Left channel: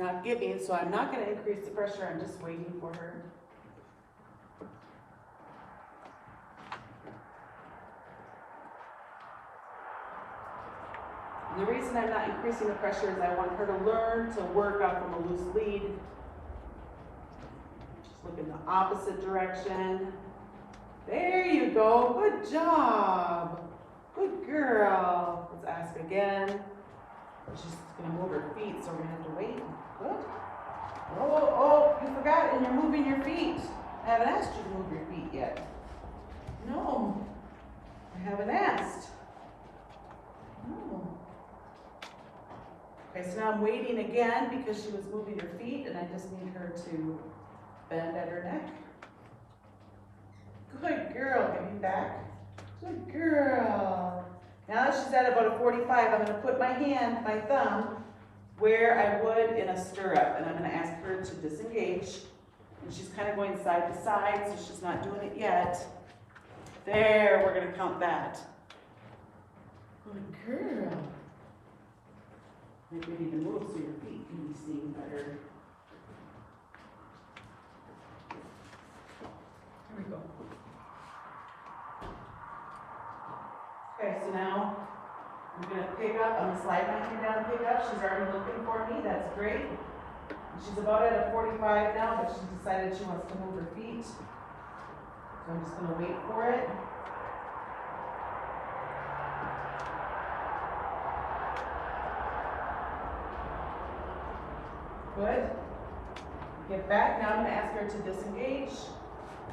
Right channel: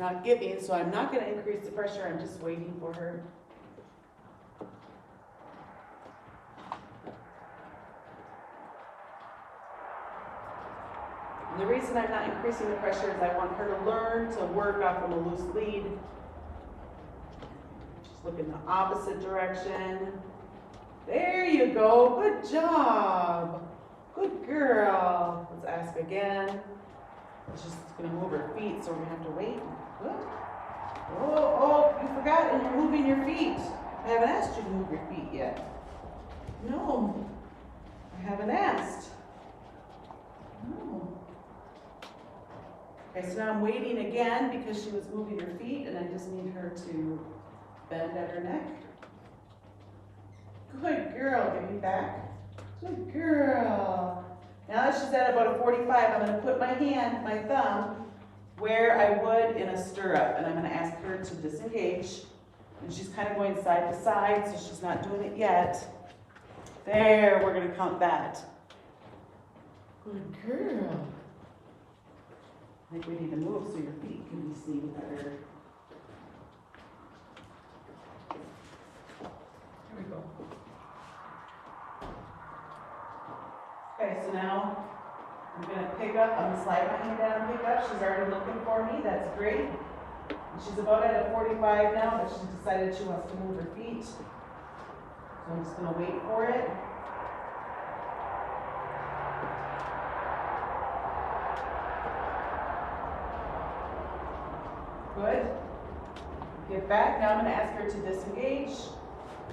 not giving, so I'm not gonna increase the pressure, I'm just waiting for her. And the reason I'm not increasing the pressure is I want her to learn to work off of a loose lead. Just look in the opposite direction. There you go, good job. Good girl. Let's ask again. She's gonna move her feet, so we're gonna have to wait. Good. Oh, you forgot, and you're moving your feet. I haven't asked you to move your feet yet. No, I haven't asked. No. Okay, so now I'm waiting again because she was moving her feet, and I just need her to bend at her neck. Good girl, give me back. Good girl. Now that she's at about a 45, I'm gonna put my hand, my thumb, where I would in a stirrup, and I'm gonna ask her to disengage. And she's kind of going side to side, so she's not doing it yet. There, we're gonna count that. Good girl. I think we need to move so your feet can be seen better. Here we go. Okay, so now I'm gonna pick up, I'm gonna slide my hand down and pick up. She's already looking for me, that's great. And she's about at a 45 now, but she's decided she wants to move her feet. So I'm just gonna wait for it. Good. Get back, now I'm gonna ask her to disengage.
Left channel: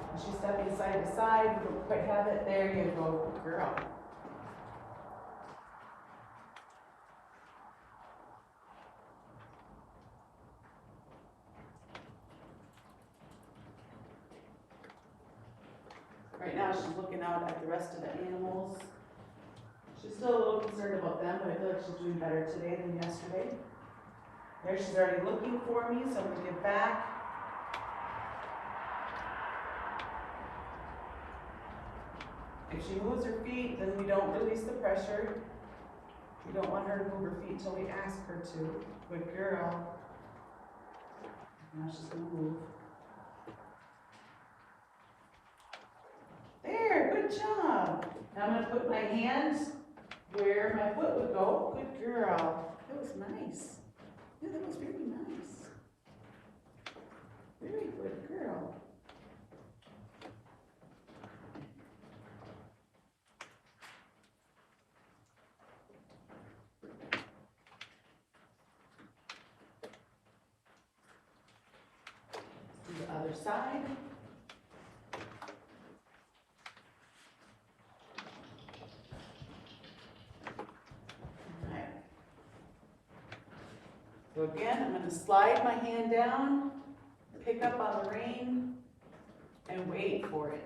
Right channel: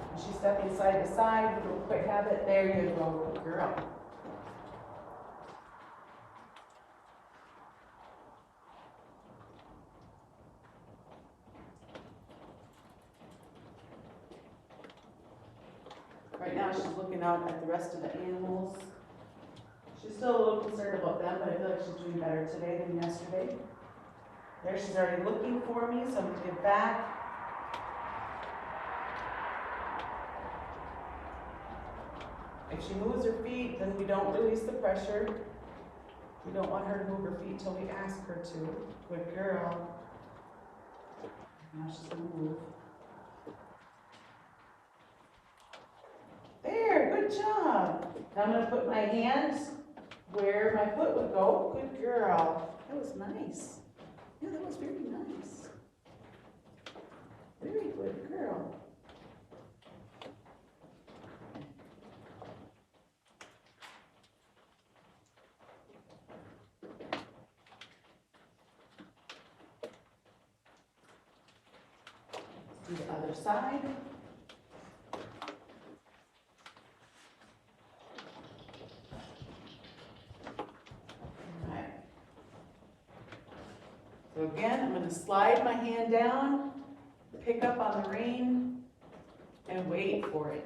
And she's stepping side to side, we don't quite have it. There you go, good girl. Right now she's looking out at the rest of the animals. She's still a little concerned about them, but I feel like she's doing better today than yesterday. There, she's already looking for me, so I'm going to get back. If she moves her feet, then we don't release the pressure. We don't want her to move her feet until we ask her to. Good girl. Now she's going to move. There, good job. Now I'm going to put my hands where my foot would go. Good girl. That was nice. Yeah, that was very nice. Very good girl. Let's do the other side. So again, I'm going to slide my hand down, pick up on the rein, and wait for it.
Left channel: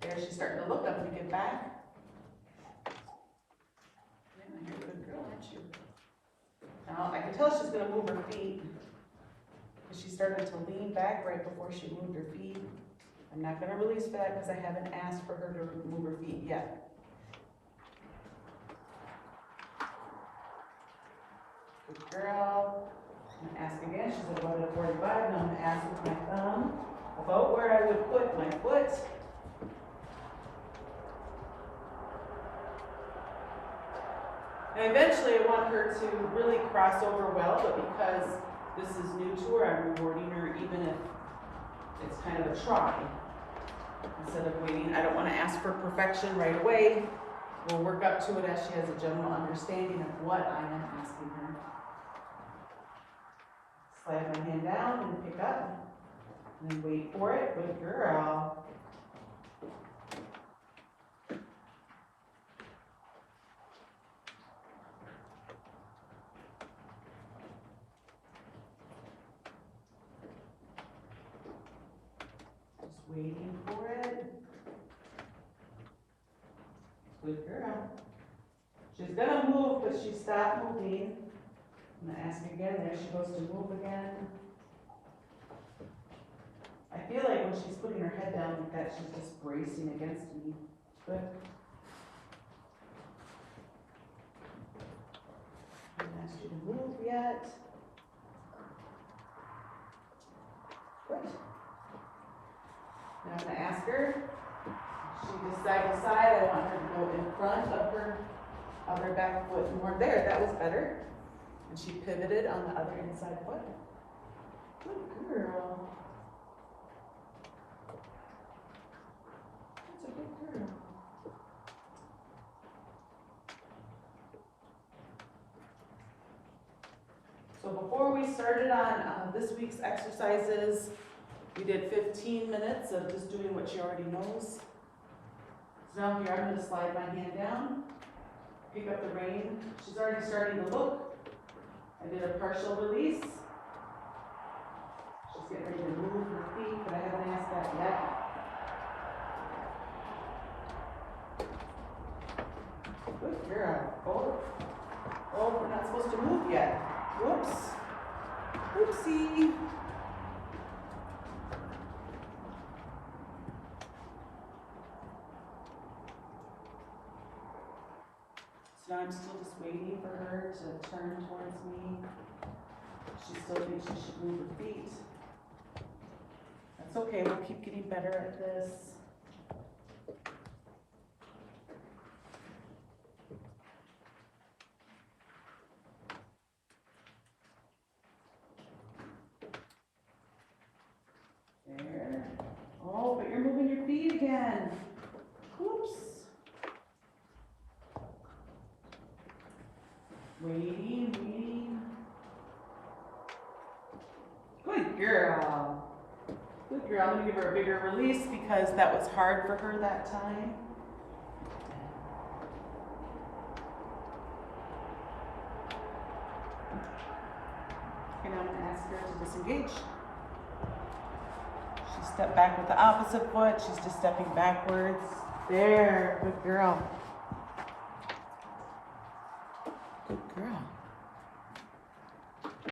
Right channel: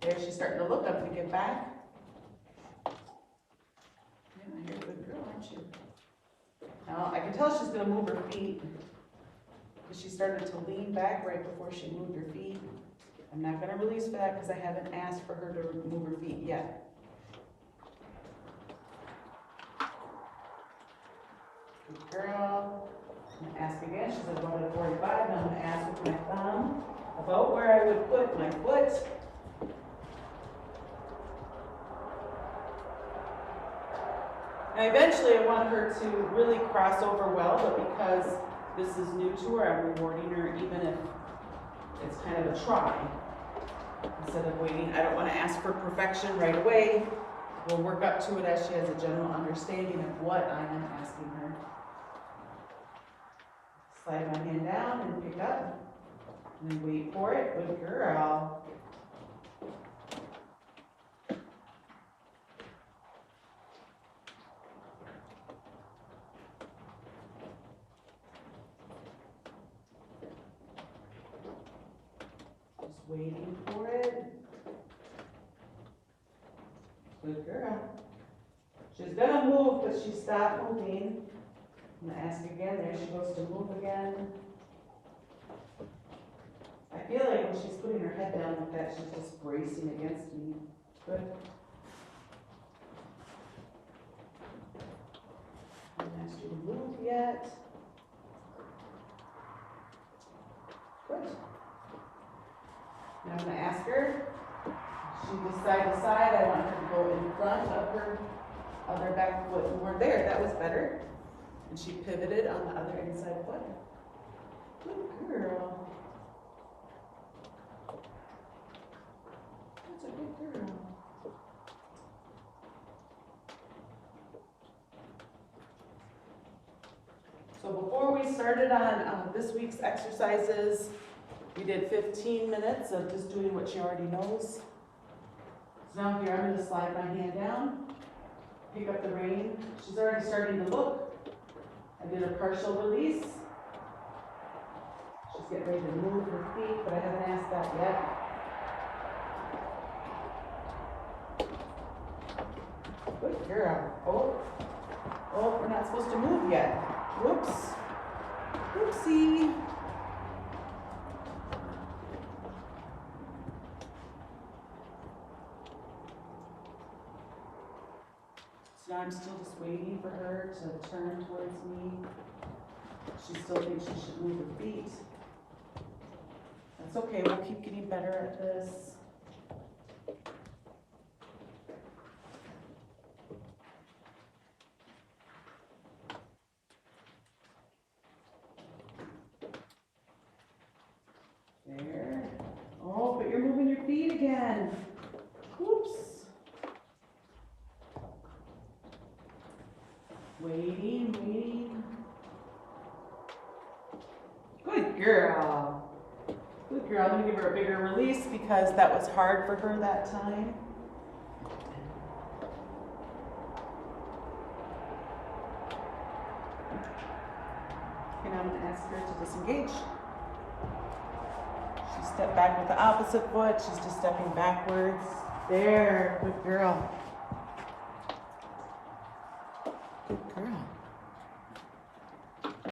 There, she's starting to look. I'm going to get back. Yeah, you're a good girl, aren't you? Now, I can tell she's going to move her feet because she started to lean back right before she moved her feet. I'm not going to release for that because I haven't asked for her to move her feet yet. Good girl. I'm going to ask again. She's about at 45. Now I'm going to ask with my thumb about where I would put my foot. And eventually I want her to really cross over well, but because this is new to her, I'm rewarding her even if it's kind of a try. Instead of waiting, I don't want to ask for perfection right away. We'll work up to it as she has a general understanding of what I am asking her. Slide my hand down and pick up, and then wait for it. Good girl. Just waiting for it. Good girl. She's gonna move, but she stopped moving. I'm going to ask again. There she goes to move again. I feel like when she's putting her head down like that, she's just bracing against me. Good. I haven't asked you to move yet. Good. Now I'm gonna ask her, she does side to side, I want her to go in front of her other back foot more. There, that was better. And she pivoted on the other inside foot. Good girl. That's a good girl. So before we started on this week's exercises, we did 15 minutes of just doing what she already knows. So now here, I'm going to slide my hand down, pick up the rein. She's already starting to look. I did a partial release. She's getting ready to move her feet, but I haven't asked that yet. Good girl. Oh, we're not supposed to move yet. Whoops. Oopsie. So now I'm still just waiting for her to turn towards me. She still thinks she should move her feet. That's okay, we'll keep getting better at this. There. Oh, but you're moving your feet again. Oops. Waiting. Good girl. Good girl. I'm going to give her a bigger release because that was hard for her that time. And I'm going to ask her to disengage. She stepped back with the opposite foot. She's just stepping backwards. There. Good girl. Good girl.